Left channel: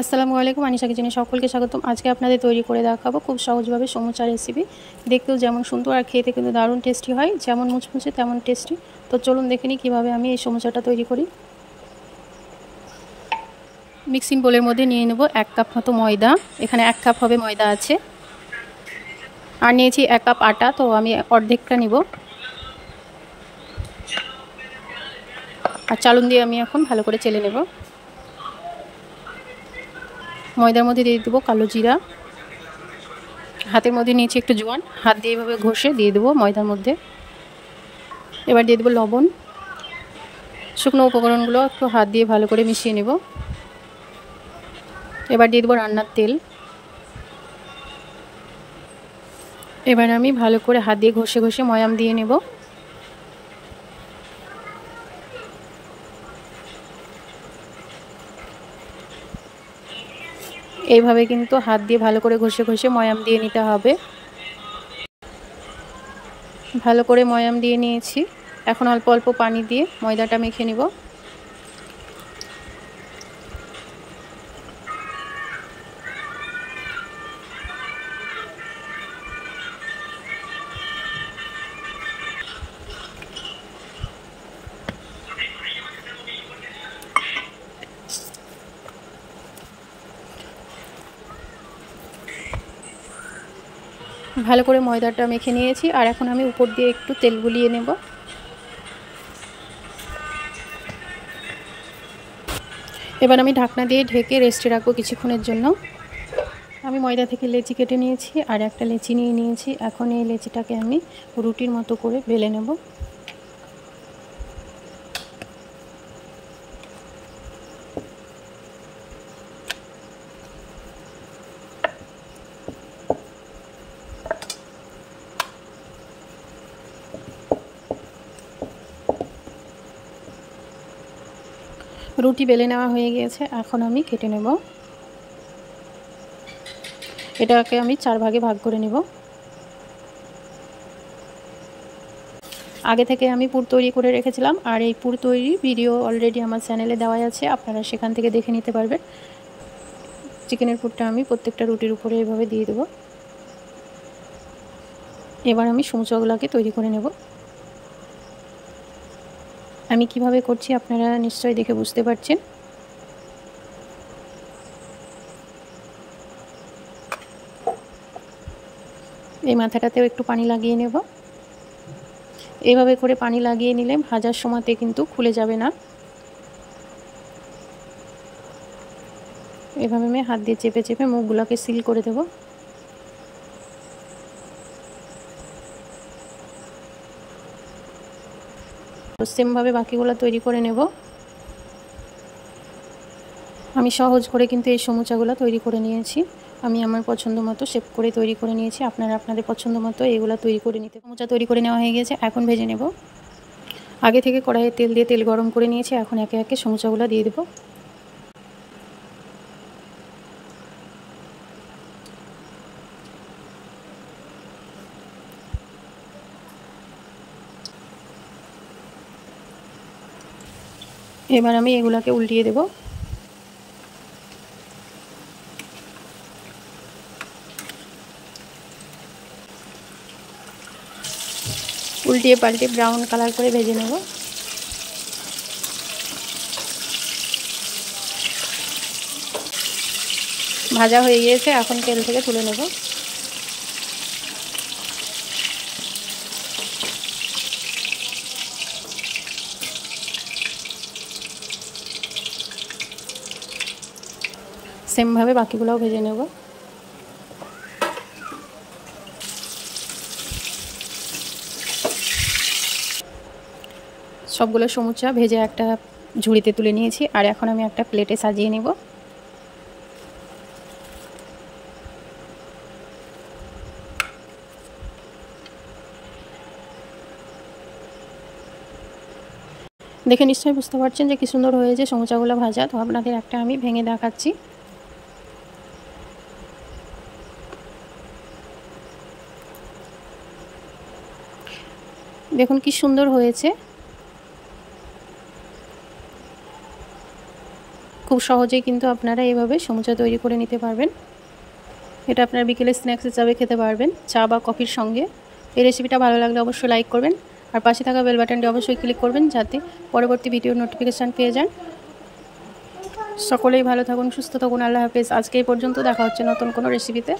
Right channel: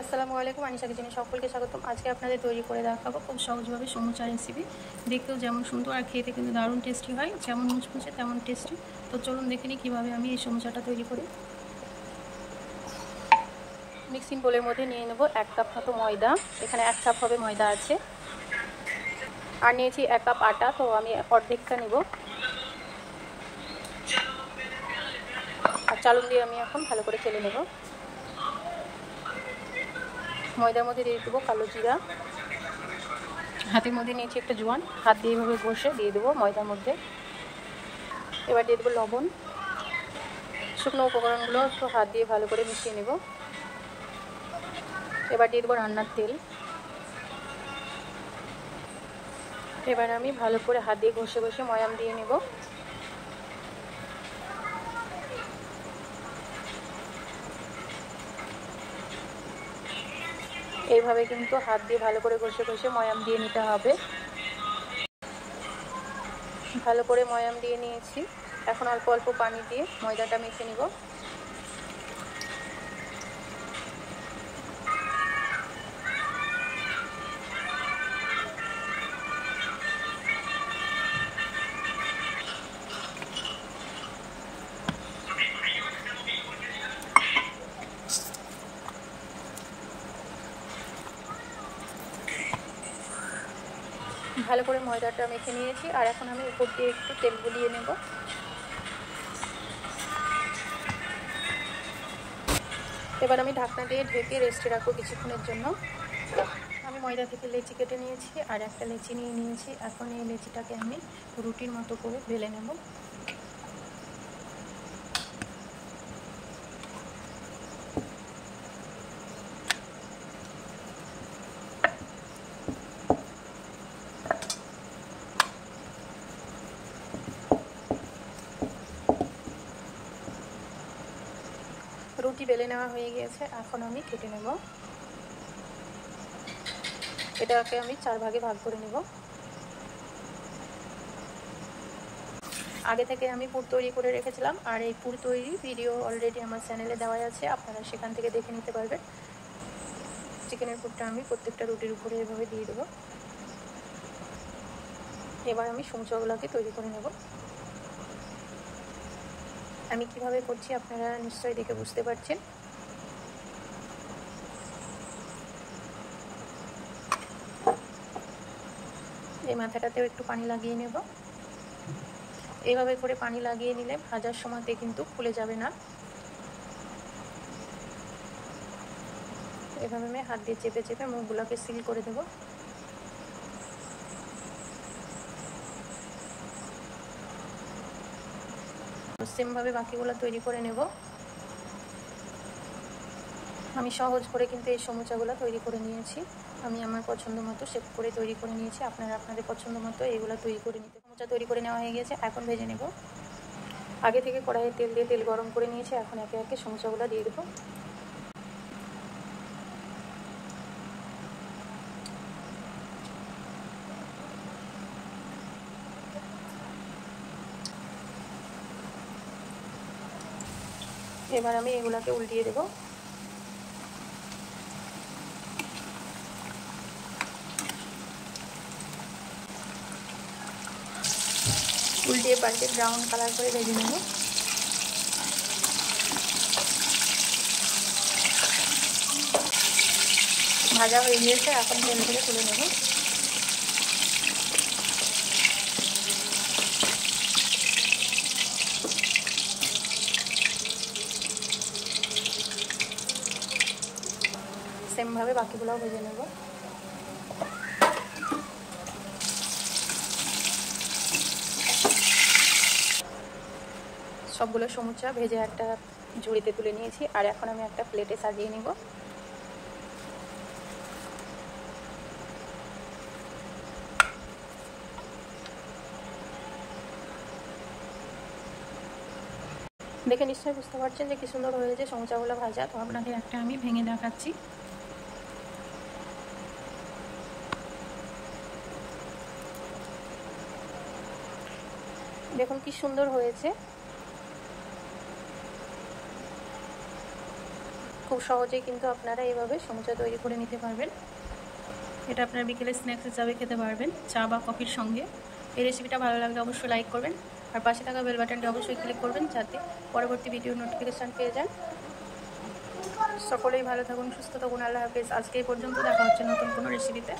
আসসালামু আলাইকুম, আনিশা কিচেনে সকলকে স্বাগতম। আজকে আপনাদের তৈরি করে দেখাবো খুব সহজভাবে সমুচা রেসিপি। দেখতেও যেমন সুন্দর আর খেতে কিন্তু দারুণ টেস্টি হয়, যেমন মুচমুচে তেমন টেস্টি। তো চলুন দেখে নিই কীভাবে আমি এই সমুচাটা তৈরি করি। মিক্সিং বোলের মধ্যে নিয়ে নেব 1 কাপ মতো ময়দা। এখানে 1 কাপ হবে ময়দা আছে, আর নিয়েছি 1 কাপ আটা, তো আমি অর্ধেকটা নিব। আর চালুন দিয়ে আমি এখন ভালো করে চেলে নেব। ময়দার মধ্যে দিয়ে দেবো কালো জিরা, হাতের মধ্যে নিয়েছি একটু জোয়ান, হাত দিয়ে এভাবে ঘষে দিয়ে দেবো ময়দার মধ্যে। এবার দিয়ে দেবো লবণ। শুকনো উপকরণগুলো একটু হাত দিয়ে ভালো করে মিশিয়ে নেব। এবার দিয়ে দেবো রান্নার তেল। এবার আমি ভালো করে হাত দিয়ে ঘষে ঘষে ময়াম দিয়ে নেব। এইভাবে কিন্তু হাত দিয়ে ভালো করে ঘষে ঘষে ময়াম দিয়ে নিতে হবে। ভালো করে ময়াম দিয়ে নিয়েছি। এখন অল্প অল্প পানি দিয়ে ময়দাটা মেখে নেব। ভালো করে ময়দাটা মেখে নিয়েছি, আর এখন আমি উপর দিয়ে একটু তেল বুলিয়ে নেব। এবার আমি ঢাকনা দিয়ে ঢেকে রেস্টে রাখবো কিছুক্ষণের জন্য। আমি ময়দা থেকে লেচি কেটে নিয়েছি, আর একটা লেচি নিয়ে নিয়েছি। এখন এই লেচিটাকে আমি রুটির মতো করে বেলে নেব। রুটি বেলে নেওয়া হয়ে গিয়েছে, এখন আমি কেটে নেব। এটাকে আমি 4 ভাগে ভাগ করে নেব। আগে থেকে আমি পুর তৈরি করে রেখেছিলাম, আর এই পুর তৈরির ভিডিও অলরেডি আমার চ্যানেলে দেওয়া আছে, আপনারা সেখান থেকে দেখে নিতে পারবেন। চিকেনের পুরটা আমি প্রত্যেকটা রুটির উপরে এভাবে দিয়ে দেব। এবার আমি সমুচাগুলোকে তৈরি করে নেব। আমি কিভাবে করছি আপনারা নিশ্চয়ই দেখে বুঝতে পারছেন। এই মাথাটাতেও একটু পানি লাগিয়ে নেব। এইভাবে করে পানি লাগিয়ে নিলে ভাজার সময়তে কিন্তু খুলে যাবে না। এভাবে আমি হাত দিয়ে চেপে চেপে মুখগুলোকে সিল করে দেব। সেমভাবে বাকিগুলো তৈরি করে নেব। আমি সহজ করে কিন্তু এই সমুচাগুলো তৈরি করে নিয়েছি। আমি আমার পছন্দ মতো শেপ করে তৈরি করে নিয়েছি। আপনারা আপনাদের পছন্দ মতো এগুলো তৈরি করে নিতে। সমুচা তৈরি করে নেওয়া হয়ে গেছে, এখন ভেজে নেব। আগে থেকে কড়াইয়ে তেল দিয়ে তেল গরম করে নিয়েছি, এখন একে একে সমুচাগুলো দিয়ে দেব। এবার আমি এগুলাকে উল্টিয়ে দেব। উল্টিয়ে পাল্টে ব্রাউন কালার করে ভেজে নেব। ভাজা হয়ে গিয়েছে, এখন তেল থেকে তুলে নেব। সেমভাবে বাকিগুলোও ভেজে নেব। সবগুলো সমুচা ভেজে একটা ঝুড়িতে তুলে নিয়েছি, আর এখন আমি একটা প্লেটে সাজিয়ে নেব। দেখে নিশ্চয়ই বুঝতে পারছেন যে কি সুন্দর হয়েছে সমুচাগুলো ভাজা। তো আপনাদের একটা আমি ভেঙে দেখাচ্ছি। দেখুন কি সুন্দর হয়েছে। খুব সহজেই কিন্তু আপনারা এভাবে সমুচা তৈরি করে নিতে পারবেন। এটা আপনারা বিকেলে স্ন্যাক্স হিসাবে খেতে পারবেন চা বা কফির সঙ্গে। এই রেসিপিটা ভালো লাগলে অবশ্যই লাইক করবেন আর পাশে থাকা বেল বাটনটি অবশ্যই ক্লিক করবেন যাতে পরবর্তী ভিডিওর নোটিফিকেশান পেয়ে যান। সকলেই ভালো থাকুন, সুস্থ থাকুন। আল্লাহ হাফেজ। আজকে এই পর্যন্ত, দেখা হচ্ছে নতুন কোনো রেসিপিতে।